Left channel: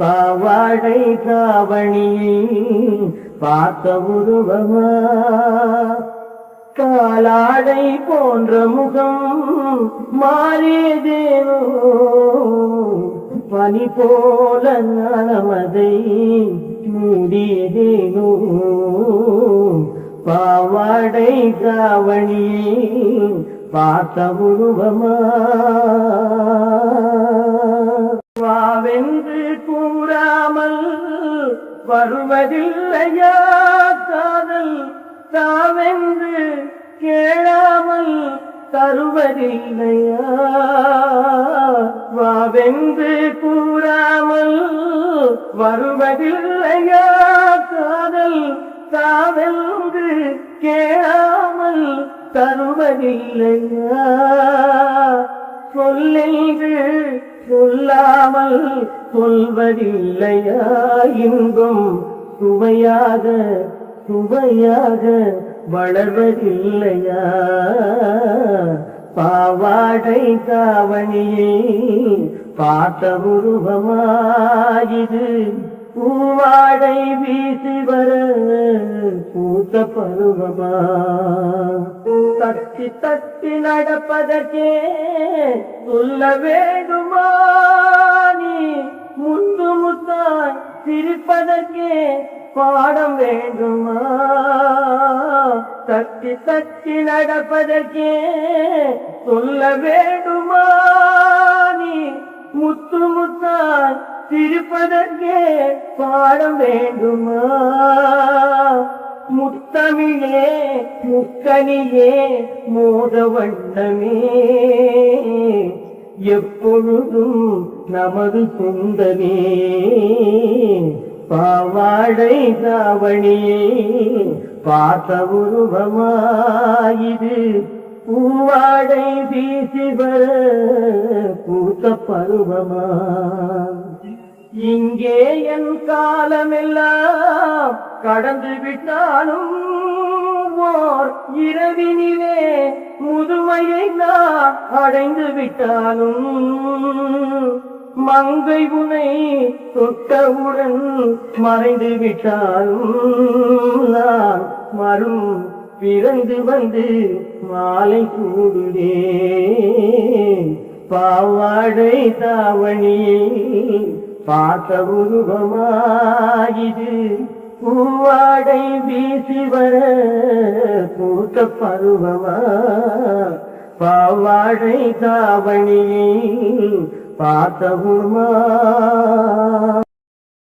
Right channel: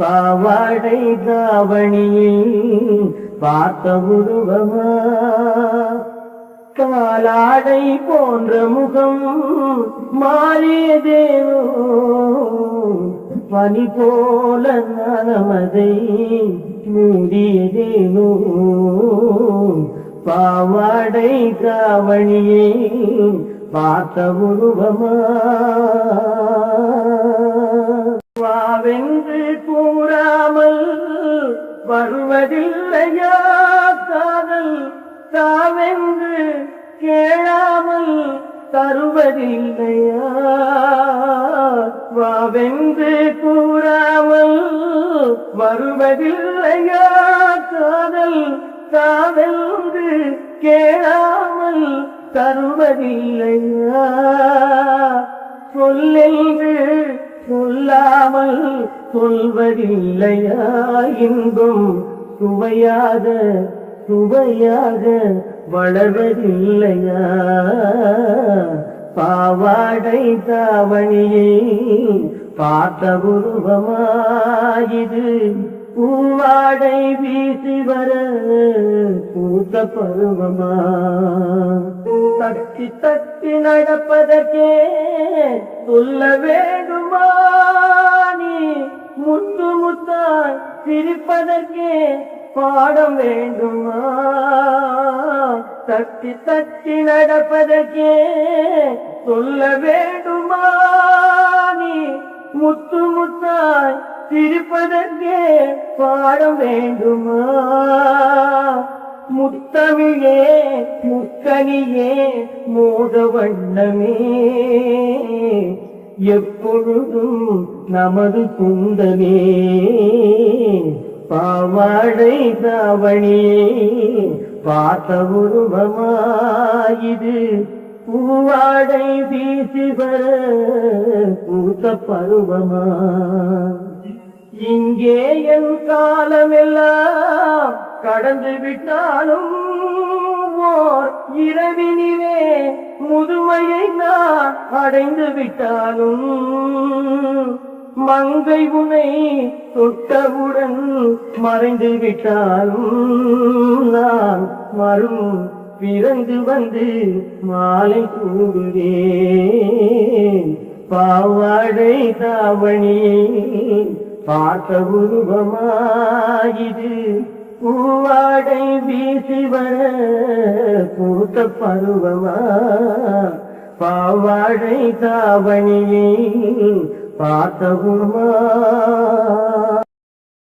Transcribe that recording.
பாவாடை தாவணியை பார்த்த உருவமா காலாடை போன்ற முகம் மாறியதேனோ பனி போல நலமதை மூடியதேனோ பாவாடை தாவணியை பார்த்த உருவமா வாவென்று கூறாமல் வருவதில்லையா காதல் தாவென்று கேளாமல் தருவதில்லையா வாவென்று கூறாமல் வருவதில்லையா காதல் தாவென்று கேளாமல் தருவதில்லையா சொல்லென்று சொல்லாமல் சொல்வதில்லையா இன்பம் சுவையாக சுவையாக வளர்வதில்லையா பாவாடை தாவணியை பார்த்த உருவமாயிது பூவாடை வீசி வர பூத்த பருவமா தட்டி தட்டி நடப்பதற்கே சொல்ல வேண்டுமா நீ முத்து முத்தாய் சிரிப்பதற்கே பாடம் வேண்டுமா தட்டி தட்டி நடப்பதற்கே சொல்ல வேண்டுமா நீ முத்து முத்தாய் சிரிப்பதற்கே பாடம் வேண்டுமா முத்தமிழே முக்கனியே மோக வண்ணமே எப்பொழுதும் நமது சொந்தமே பாவாடை தாவணியே பார்த்த உருவமாயிது பூவாடை வீசி வர பூத்த பருவமா இங்கே என் காலமெல்லாம் கடந்து விட்டாலும் ஓர் இரவினிலே முதுமையை நான் அடைந்து விட்டாலும் மங்கை உனை தொட்டவுடன் மறைந்து விட்டாலும் நான் மறும் பிறந்து வந்து மாலை சூடுவேன் பாவாடை தாவணியை பார்த்த உருவமாயிது பூவாடை வீசி வர பூத்த பருவமா பாவாடை தாவணியை பார்த்த உருவமா